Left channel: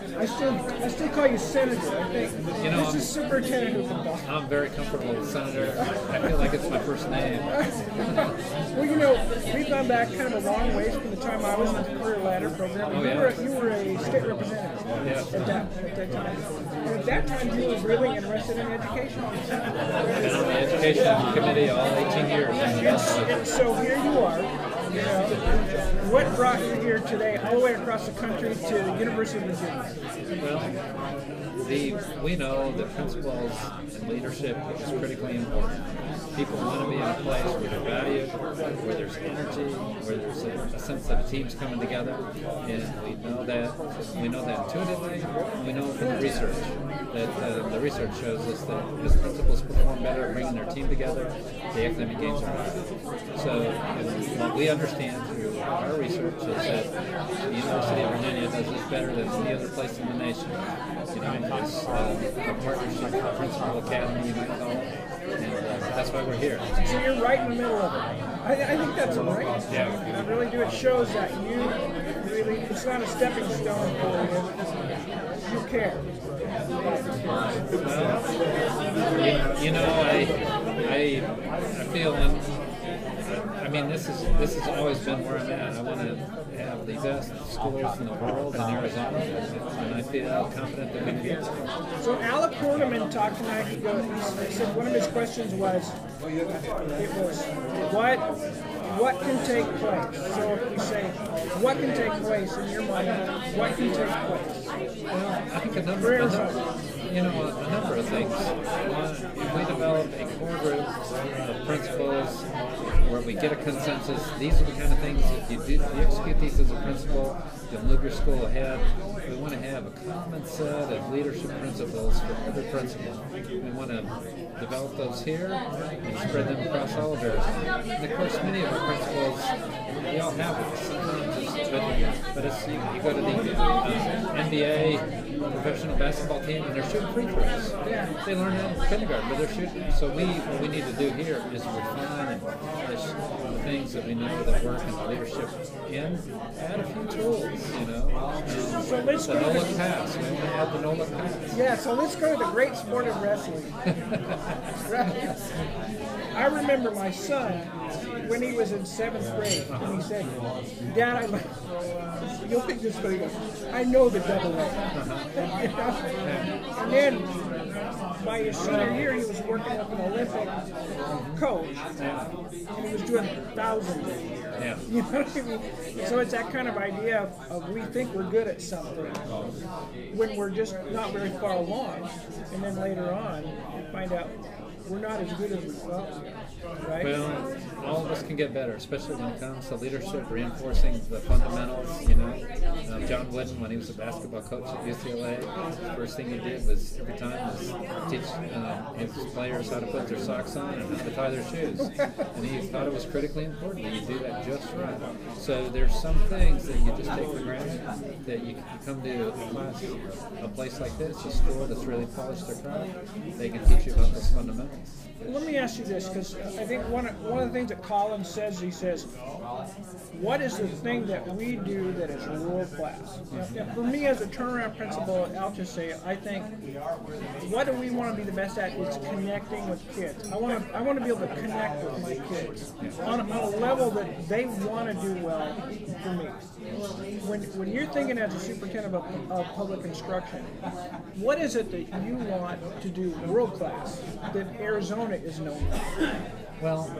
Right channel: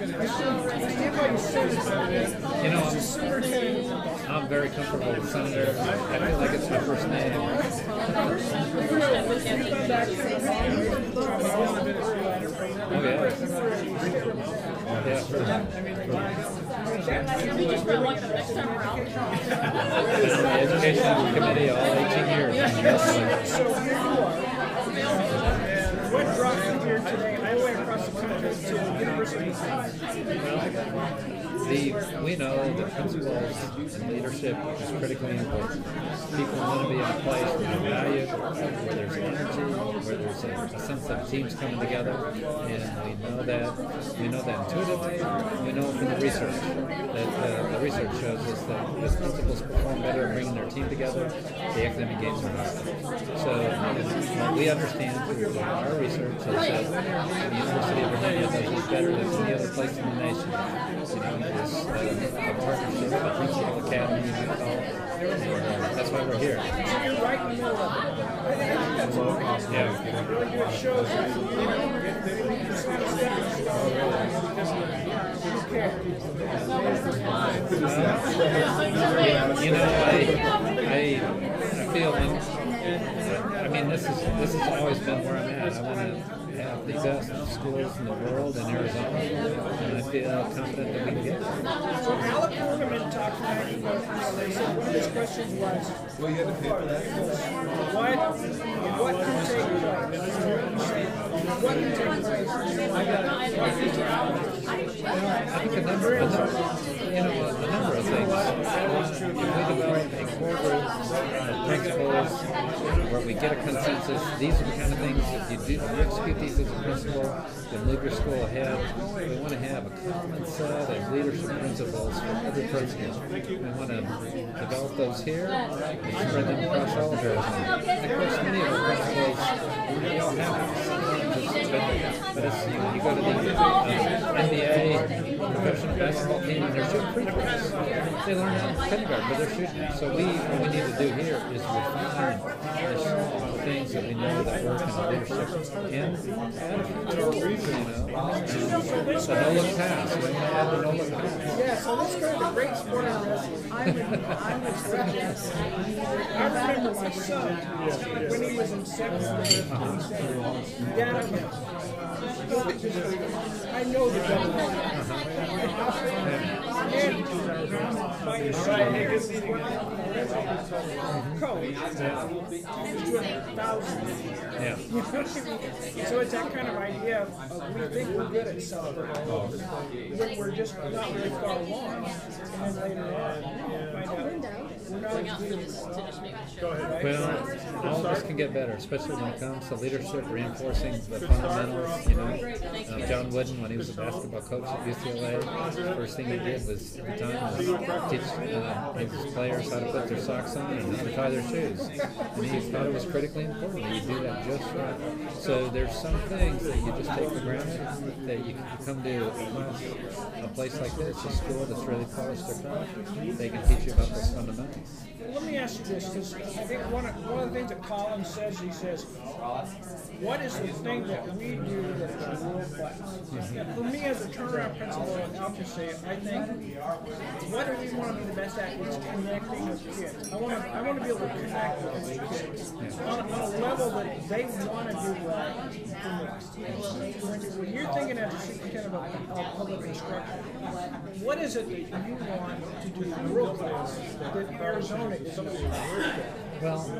I still call you Senator. You know, this is Superintendent Huppenthal. I'm very comfortable with Senator. I feel like it's my first name. Well, you know, we've gone back kind of a long ways from the time I was in the career ladder program. Oh, yeah. You were a state representative. Yeah. At that time. And at that time, you were really interested in education. Been on the education committee all 18 years. Yes. So here you are. You know, what brought you here today, all the way across the country to the University of Virginia? Well, we know that principals and leadership is critically important. People want to be in a place where they're valued, where there's energy, where there's a sense of teams coming together, and we know that intuitively, and we know from the research that the research shows us that as principals perform better at bringing their team together, the academic gains are higher. So what we understand through our research is that the University of Virginia does this better than any other place in the nation. You know, it's a partnership, a principal academy, you might call it, and that's why we're here. So you're right in the middle of it. I think that's great. Yeah. I really do. It shows that you really, it's not a stepping stone for you. You care. Well, you know, I feel I mean, this has always been where I'm at. I want to have the best schools in the world in Arizona, and I feel confident that we can get there. So Alec Horniman talked tonight. He said one of his questions was, what can take place? So you say, what can take place in your mind? What can take place? Well, I think a number of things. One, if we develop a core group of principals where we get a consensus, these are the kind of things, if you execute these as a principal, you'll move your school ahead. We want to have a common set of leadership principles for every principal. We want to develop those here and spread them across all of Arizona. And of course, many of our principals, we all have it. Sometimes but it's, you go to the NBA professional basketball team and they're shooting free throws. They learn that in kindergarten, but they're shooting. So what we need to do here is refine and polish the things that we know that work in leadership and add a few tools, you know. So let's the no-look pass. We want to add the no-look pass. Yeah, so let's go to the great sport of wrestling. I remember my son, when he was in 7th grade, and he said, Dad, you'll think this very good. I know the double A. And then, by his senior year, he was working with an Olympic coach, and he was doing thousands. Yeah. You know what I mean? So it's that kind of idea of we think we're good at something when we're just not very far along, and then later on, we find out we're not as good as we thought. Right? Well, all of us can get better, especially when it comes to leadership, reinforcing the fundamentals. You know, John Wooden, when he was a basketball coach at UCLA, the first thing he did was every time was teach his players how to put their socks on and how to tie their shoes. And he thought it was critically important that you do that just right. So there's some things that you just take for granted that you come to a place like this, a school that's really polished their craft. They can teach you about those fundamentals. Let me ask you this, because I think one of the things that Colin says, he says, what is the thing that we do that is world class? Yeah, for me as a turnaround principal, I'll just say, I think, what do we want to be the best at? It's connecting with kids. I want to be able to connect with my kids on a level that they want to do well for me. When you're thinking as a superintendent of public instruction, what is it that you want to do world class that Arizona is known for? Well,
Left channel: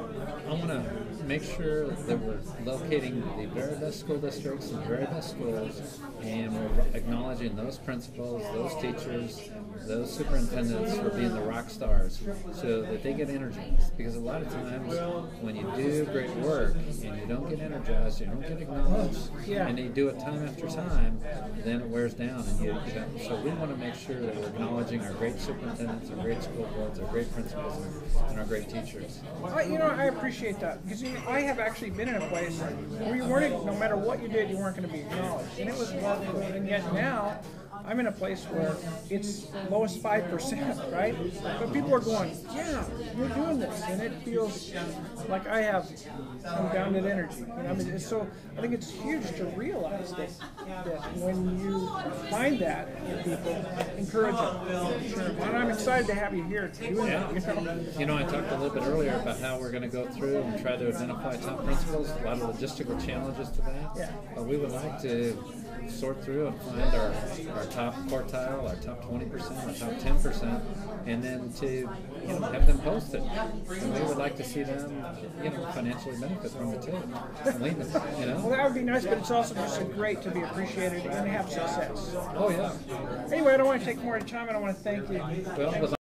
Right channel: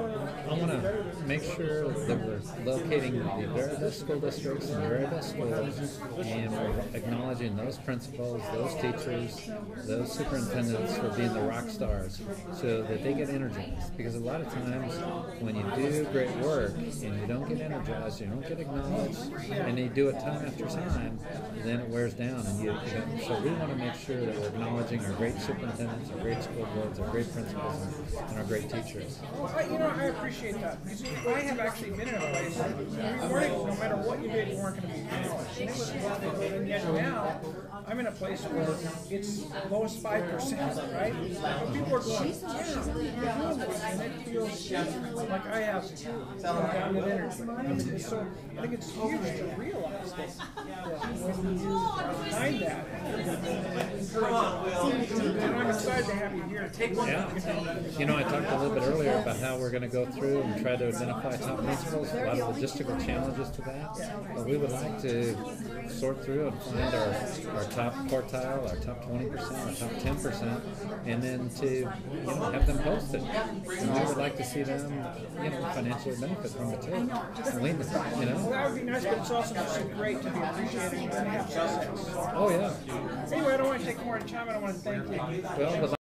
I want to make sure that we're locating the very best school districts and the very best schools, and we're acknowledging those principals, those teachers, those superintendents for being the rock stars so that they get energized. Because a lot of times when you do great work and you don't get energized, you don't get acknowledged, and you do it time after time, then it wears down. And you don't. So we want to make sure that we're acknowledging our great superintendents, our great school boards, our great principals, and our great teachers. I appreciate that, because I have actually been in a place where you weren't, no matter what you did, you weren't going to be acknowledged, and it was, and yet now I'm in a place where it's lowest 5%, right? But people are going, yeah, you're doing this, and it feels like I have unbounded energy. I mean, so I think it's huge to realize that when you find that in people, encourage them. And I'm excited to have you here doing that. You know, I talked a little bit earlier about how we're going to go through and try to identify top principles, a lot of logistical challenges to that. But we would like to sort through and find our top quartile, our top 20%, our top 10%, and then to have them posted. And we would like to see them financially benefit from it too. And we, Well, that would be nice, but it's also just great to be appreciated and have success. Oh yeah. Anyway, I don't want to take more time. I don't want to thank you. Well,